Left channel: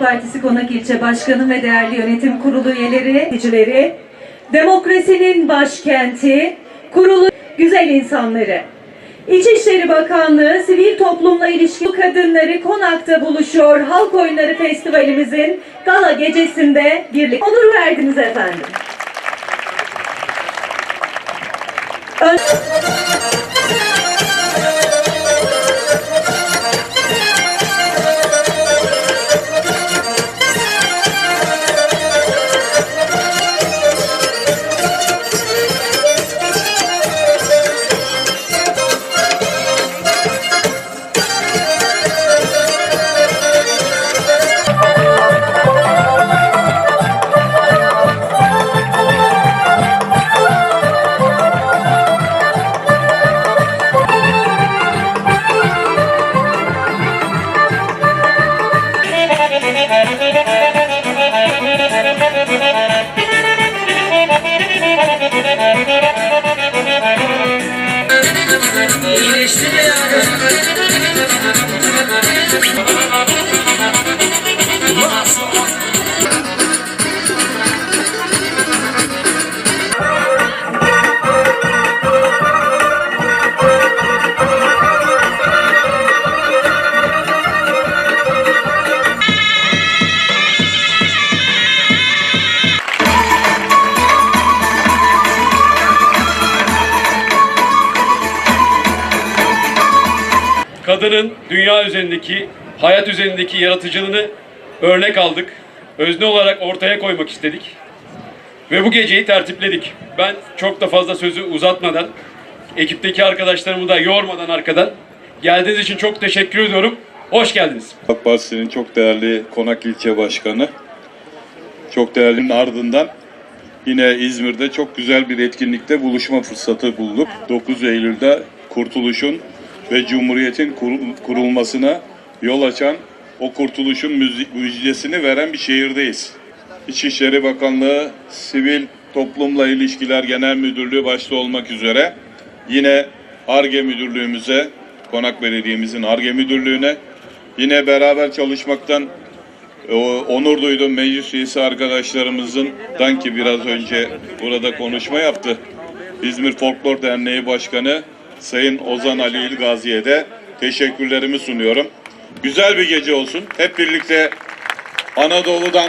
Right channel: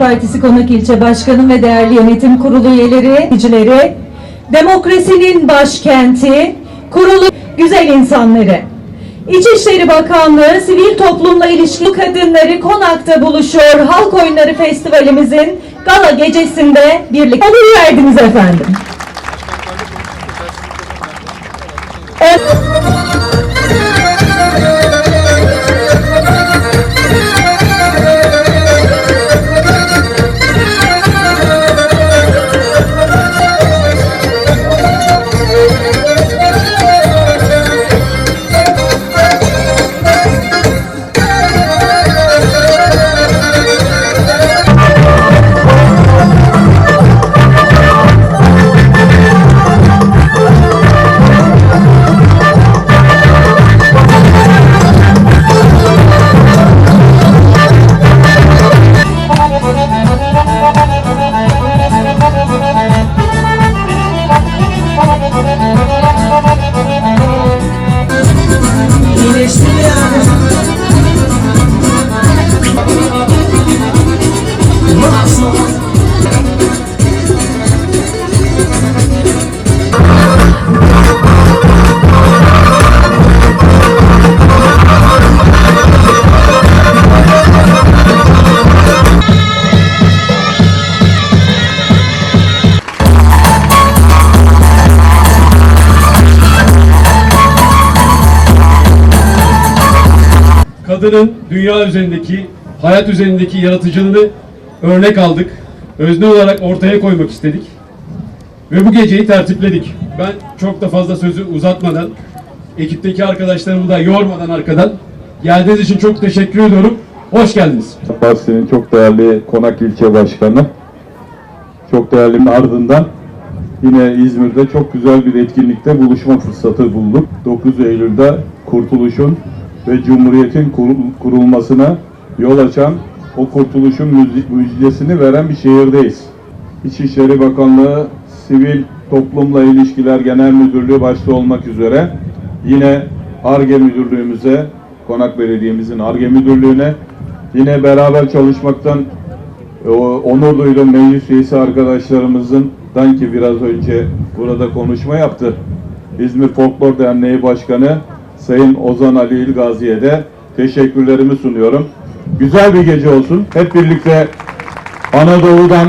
Partisi Konak İlçe Başkanı ve değerli yönetim kurulu üyeleri, yöneticileri, demokrasinin başkenti, kurulu güzel insanları. İçişleri Bakanlığı Sivil Toplumla İlişki Kadınları Konak'ta buluşuyor. Halk Oyunları Festivalimizin gala gecesinde birlikte olur verdiniz efendim. Evet. Geçti bir kadının dünya üzerindeki, hayat üzerindeki yaratıcılığını örnek aldık. Özne olarak ortaya koymak istedik. Ve bu geceyi tertipledik. Ben çok da fazla sözü uzatmadan, ekipteki arkadaşlarımı da yormadan arkadan geldiğiniz için çok teşekkür ediyorum. Hoş geldiniz. Partisi'nin çok değerli Konak İlçe Başkanı, çok değerlinin ardından yine İzmir'de çok güzel bir etkinlikte buluşma fırsatı bulduk. 9 Eylül'de Kurtuluş'un ve Cumhuriyet'in kur- kurulmasına yol açan, o kurtuluşun müjdesini veren bir şehirdeyiz. İçişleri Bakanlığı, Sivil Toplumla İlişkiler Genel Müdürlüğü başta olmak üzere yine ARGE Müdürlüğümüze, Konak Belediye'mizin ARGE Müdürlüğü'ne yine beraber çalışmaktan o, onur duydum meclis üyesi arkadaşlarımızın ki biraz önce burada konuşma yaptı. İzmir Folklor Derneği Başkanı Sayın Ozan Ali İlgazi'ye de teşekkürlerimi sunuyorum. Güzel bir gece olsun. Hep birlikte Anadolu'dan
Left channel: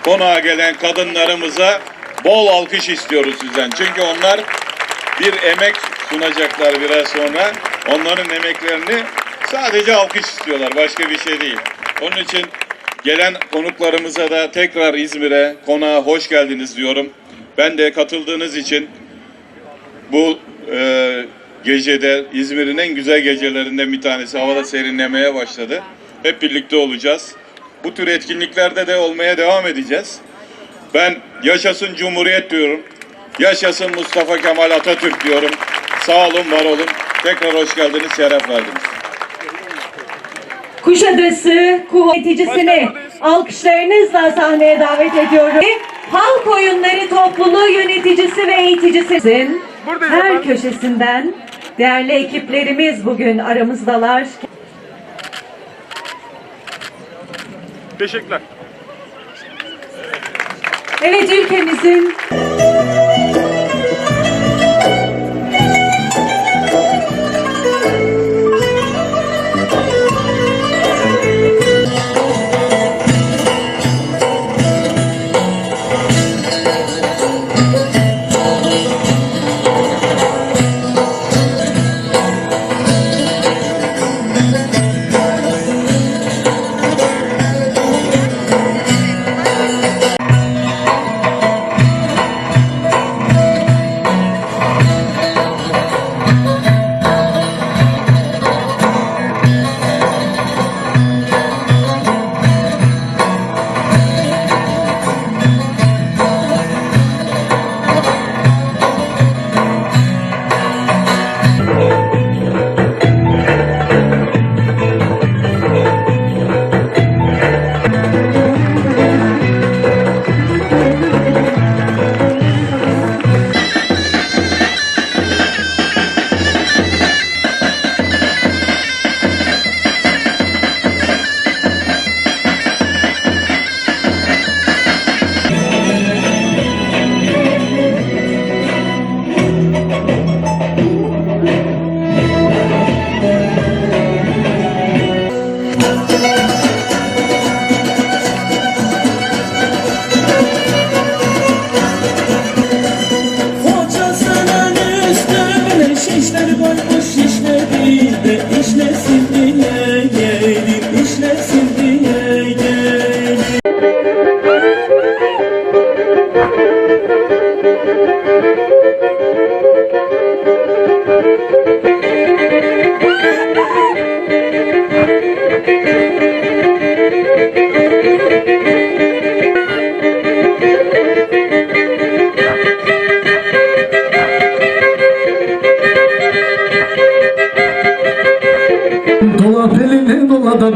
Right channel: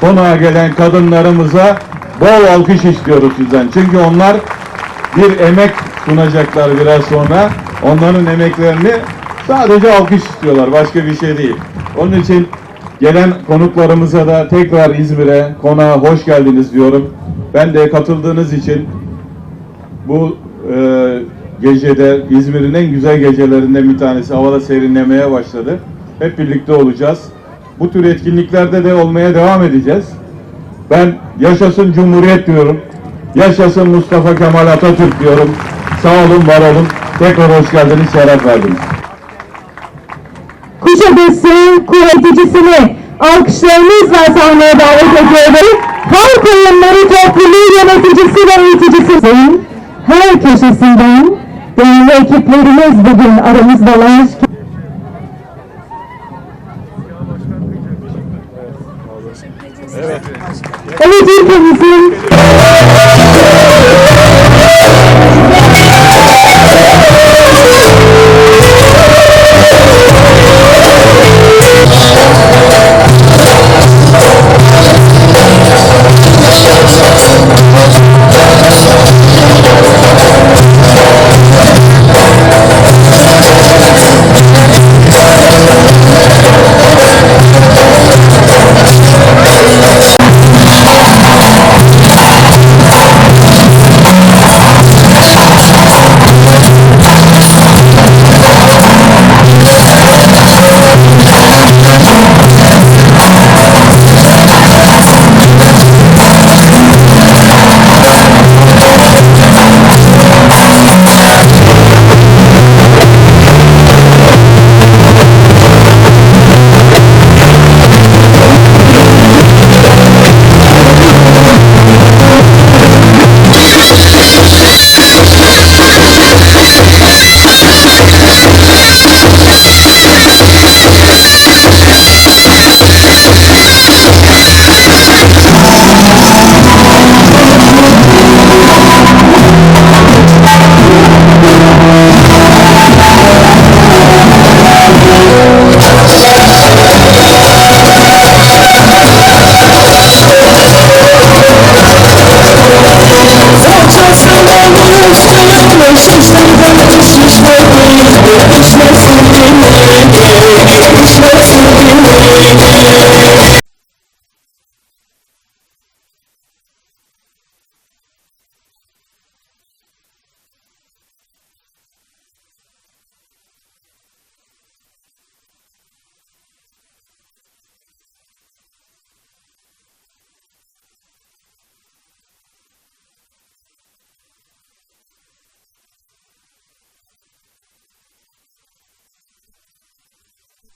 konağa gelen kadınlarımıza bol alkış istiyoruz sizden. Çünkü onlar bir emek sunacaklar biraz sonra. Onların emeklerini sadece alkış istiyorlar. Başka bir şey değil. Onun için gelen konuklarımıza da tekrar İzmir'e, konağa hoş geldiniz diyorum. Ben de katıldığınız için bu e, gecede İzmir'in en güzel gecelerinden bir tanesi. Havada serinlemeye başladı. Hep birlikte olacağız. Bu tür etkinliklerde de olmaya devam edeceğiz. Ben yaşasın Cumhuriyet diyorum. Yaşasın Mustafa Kemal Atatürk diyorum. Sağ olun, var olun. Tekrar hoş geldiniz, şeref verdiniz. Kuşadası kuvveticisini alkışlarınızla sahneye davet ediyorum. Halk oyunları topluluğu yöneticisi ve eğiticisinin her köşesinden değerli ekiplerimiz bugün aramızdalar. Teşekkürler. Evet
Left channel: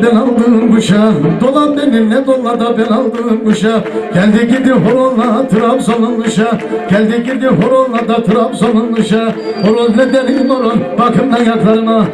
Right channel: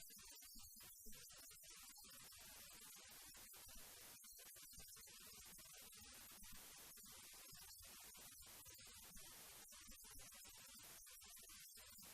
ülkemizin kuşa Dolan benimle dola da ben aldım kuşa. Geldi gidi horonla Trabzon'un kuşa Geldi gidi horonla da Trabzon'un kuşa. Horon ne derin horon bakın ayaklarıma